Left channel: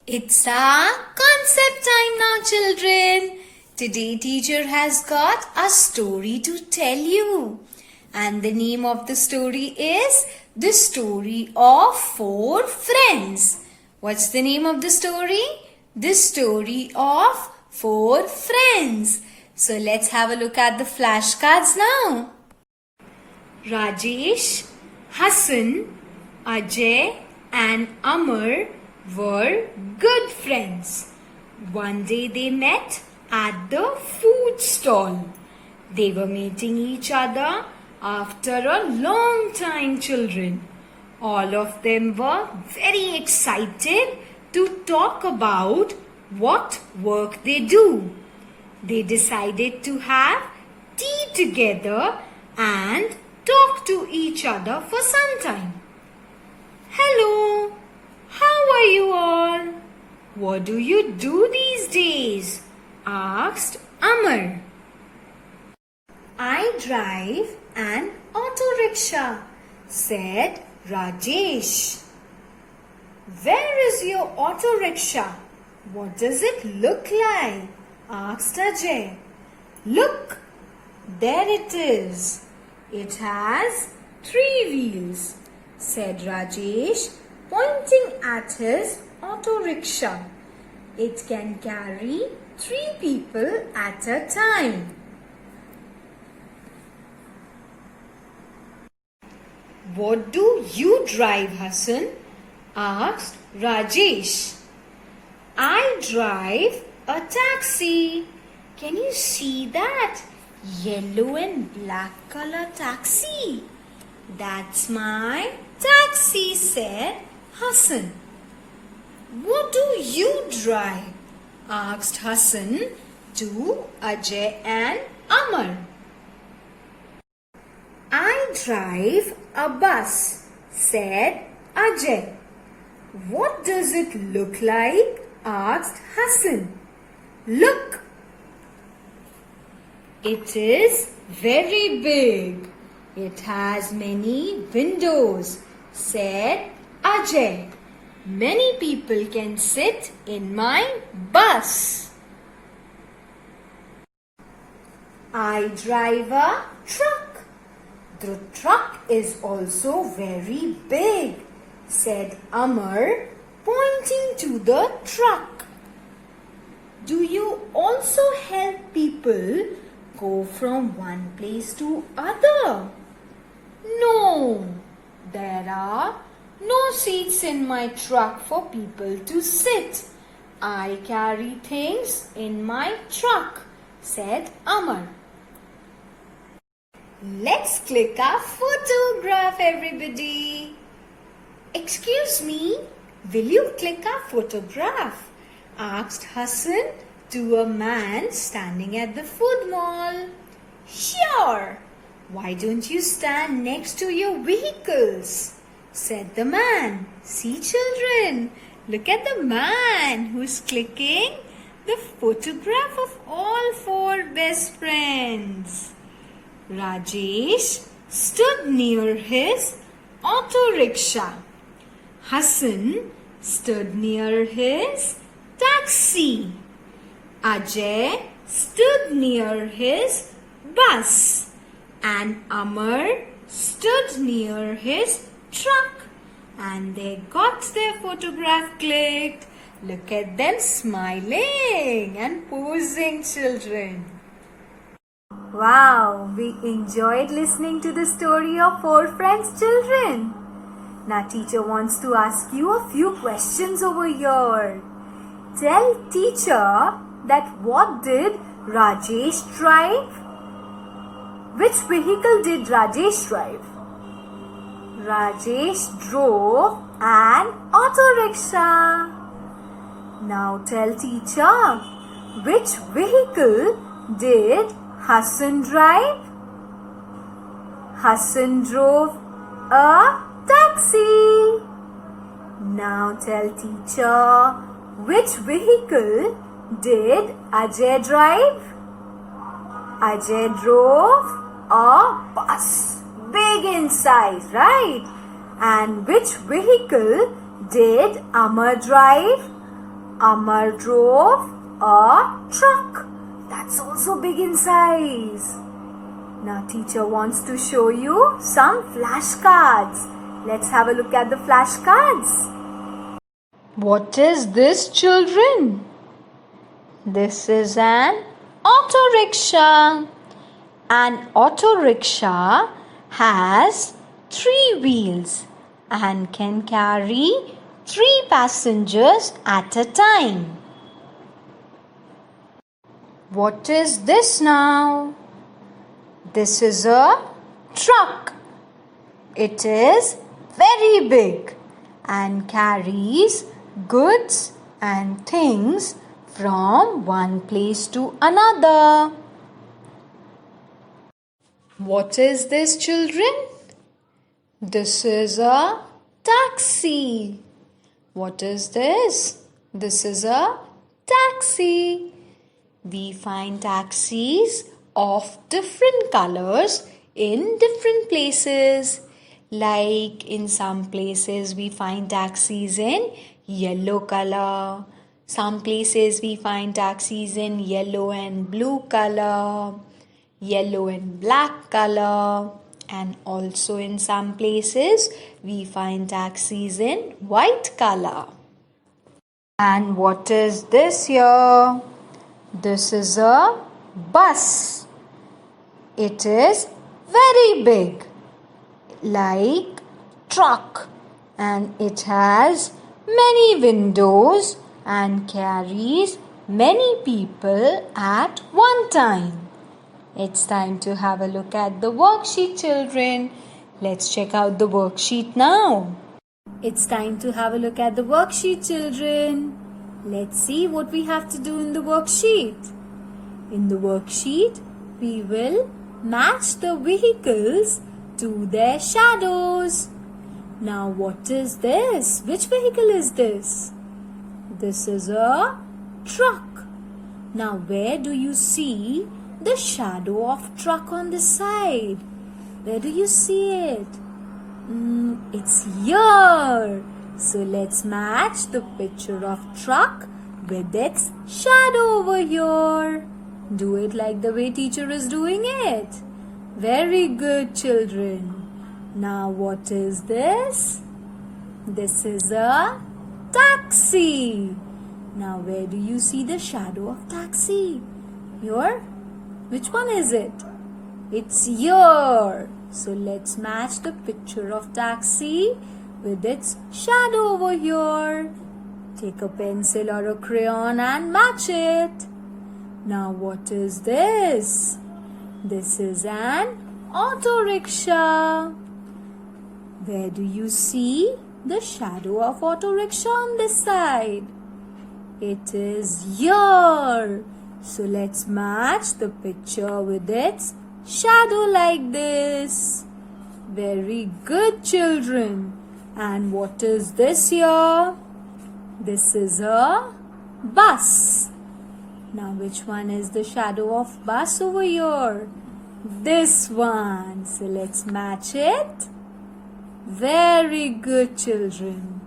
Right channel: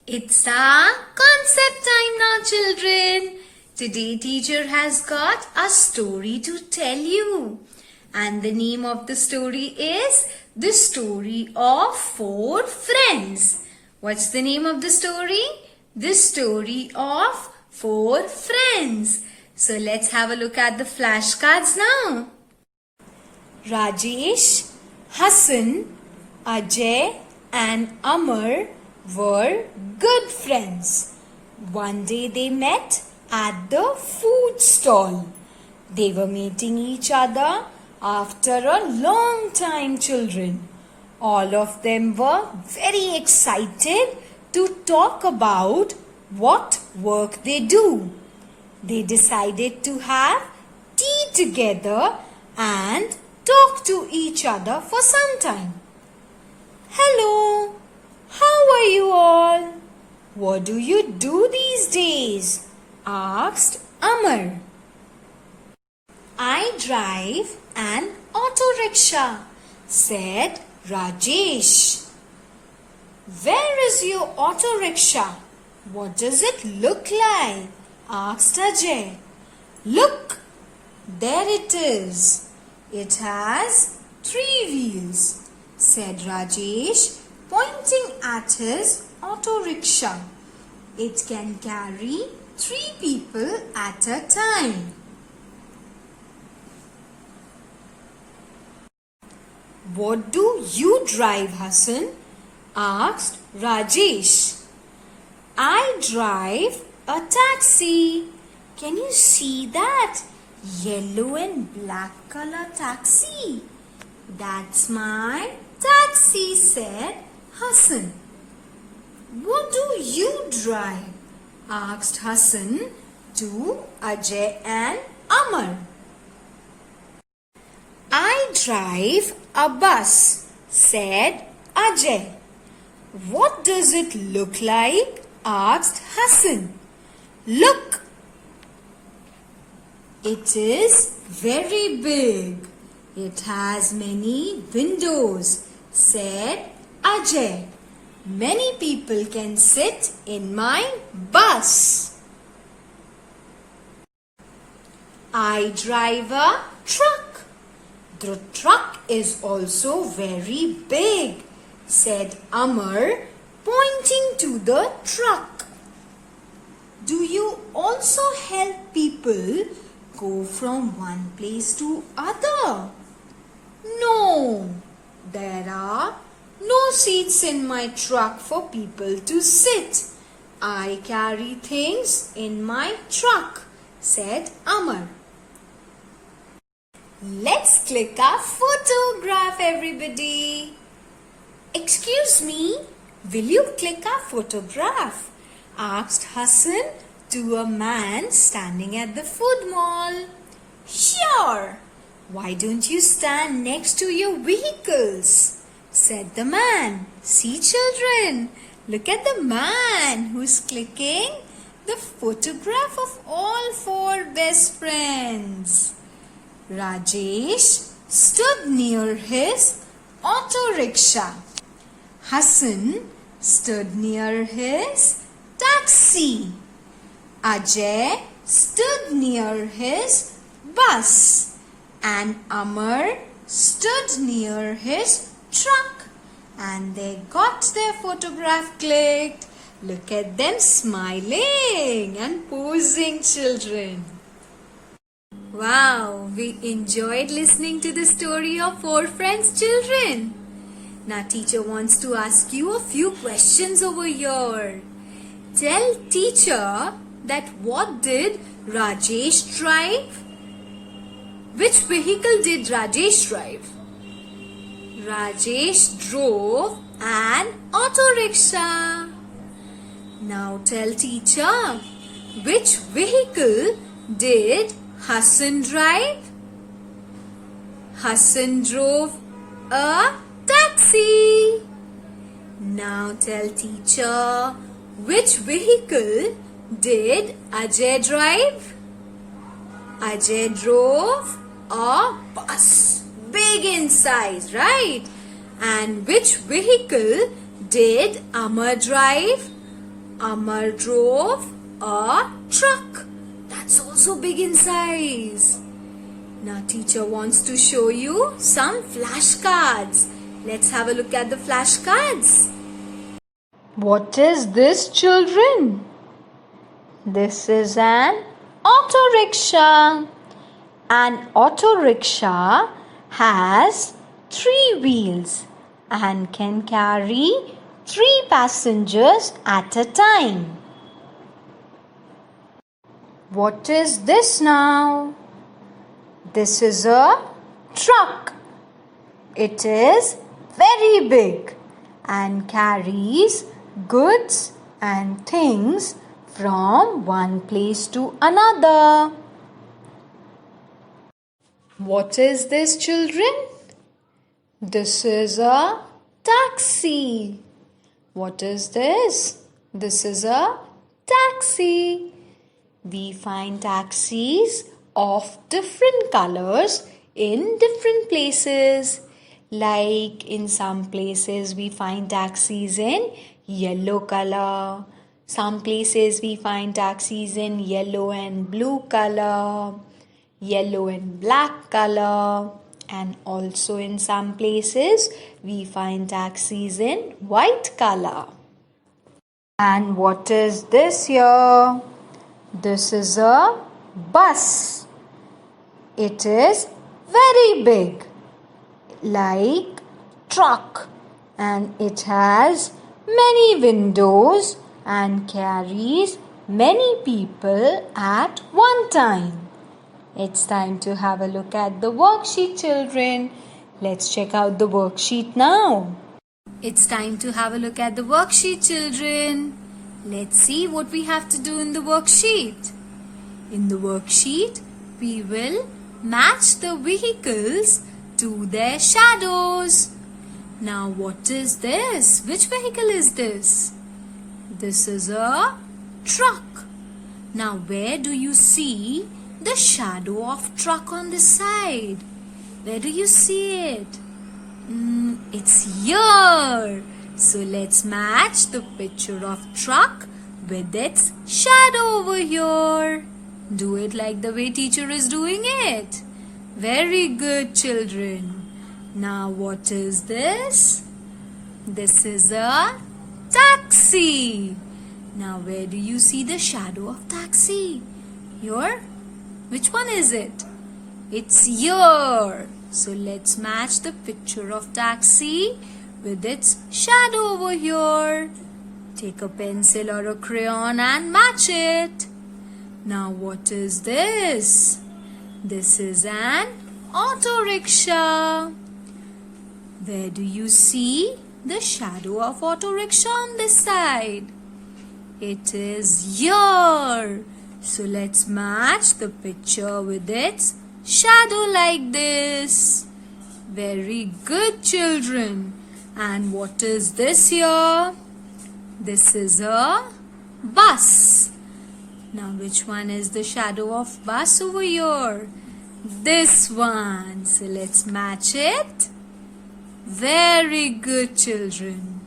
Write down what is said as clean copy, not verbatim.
It's our concept time now, children. Today teacher has got a story to tell you. And the name of the story is The Story of Four Friends. What's the name of the story? The Story of Four Friends. So let's have a look at the flashcards now. Rajesh, Hassan, Ajay and Amar were good friends. One day they met at the food stall. They were meeting each other after a long time, children. All of them were very excited to talk about what work they do. They decided to have tea together and talk to each other for some time. Hello, how are you all? What do you do these days? Asked Amar. I drive an auto rickshaw, said Rajesh. Where is your auto rickshaw? What does it look like? Asked Ajay. Look, there it is. It has 3 wheels, said Rajesh, pointing at his auto rickshaw. It can carry 3 people at a time. What do you drive, Hassan? Asked Rajesh. I drive a taxi. Can you see that? Yellow and black color taxi. That's my taxi, said Hassan. What do you drive? Asked Hassan to Ajay and Amar. I drive a bus, said Ajay. What does it look like? Asked Hassan. Look, it is very big. It has many windows, said Ajay. Many people can sit in my bus. I drive a truck. The truck is also very big, said Amar, pointing to the truck. Do you also help people go from one place to other? No, there are no seats in my truck for people to sit. I carry things in my truck, said Amar. Let's click our photograph, everybody. Excuse me, will you click our photograph? Asked Hassan to a man standing at the food mall. Sure. Why don't you stand next to your vehicles? Said the man. See, children, look at the man who's clicking the photograph of all 4 best friends. Rajesh stood near his auto rickshaw. Hassan stood near his taxi. Ajay stood near his bus. And Amar stood near his truck. And they got their photograph clicked. Look at them smiling and posing, children. Wow, we enjoyed listening to the story of 4 friends, children. Now teacher wants to ask you a few questions over here. Tell teacher that what did Rajesh drive? Which vehicle did Rajesh drive? Rajesh drove an auto rickshaw. Now tell teacher, which vehicle did Hassan drive? Hassan drove a taxi. Now tell teacher, which vehicle did Ajay drive? Ajay drove a bus, big in size, right? And which vehicle did Amar drive? Amar drove a truck. That's also big in size. Now teacher wants to show you some flashcards. Let's have a look at the flashcards. What is this, children? This is an auto rickshaw. An auto rickshaw has 3 wheels and can carry 3 passengers at a time. What is this now? This is a truck. It is very big and carries goods and things from one place to another. What is this, children? This is a taxi. What is this? This is a taxi. We find taxis of different colors in different places. Like in some places we find taxis in yellow color. Some places we find taxis in yellow and blue color, yellow and black color, and also in some places we find taxis in white color. And what is this here? This is a bus. It is very big, like truck, and it has many windows and carries many people at one time. It's time to have a look at the worksheet, children. Let's check out the worksheet now. It's time to have a look at the worksheet, children. Let's see what we have to do in the worksheet. In the worksheet, we will match the vehicles to their shadows. Now, what is this? Which vehicle is this? This is a truck. Now, where do you see the shadow of truck on the side? Where do you see it? It's here. So let's match the picture of truck with its shadow over here. Do it like the way teacher is doing it. Very good, children. Now what is this? This is a taxi. Now where do you see the shadow of taxi? Here? Which one is it? It's here. So let's match the picture of taxi with its shadow over here. Take a pencil or a crayon and match it. Now what is this? This is an auto rickshaw. Where do you see the shadow of auto rickshaw on this side? It is here. So let's match the picture with its shadow like this. Very good, children. And what is this here? This is a bus. Now which one is the shadow of bus over here? This one. So let's match it. Very good, children.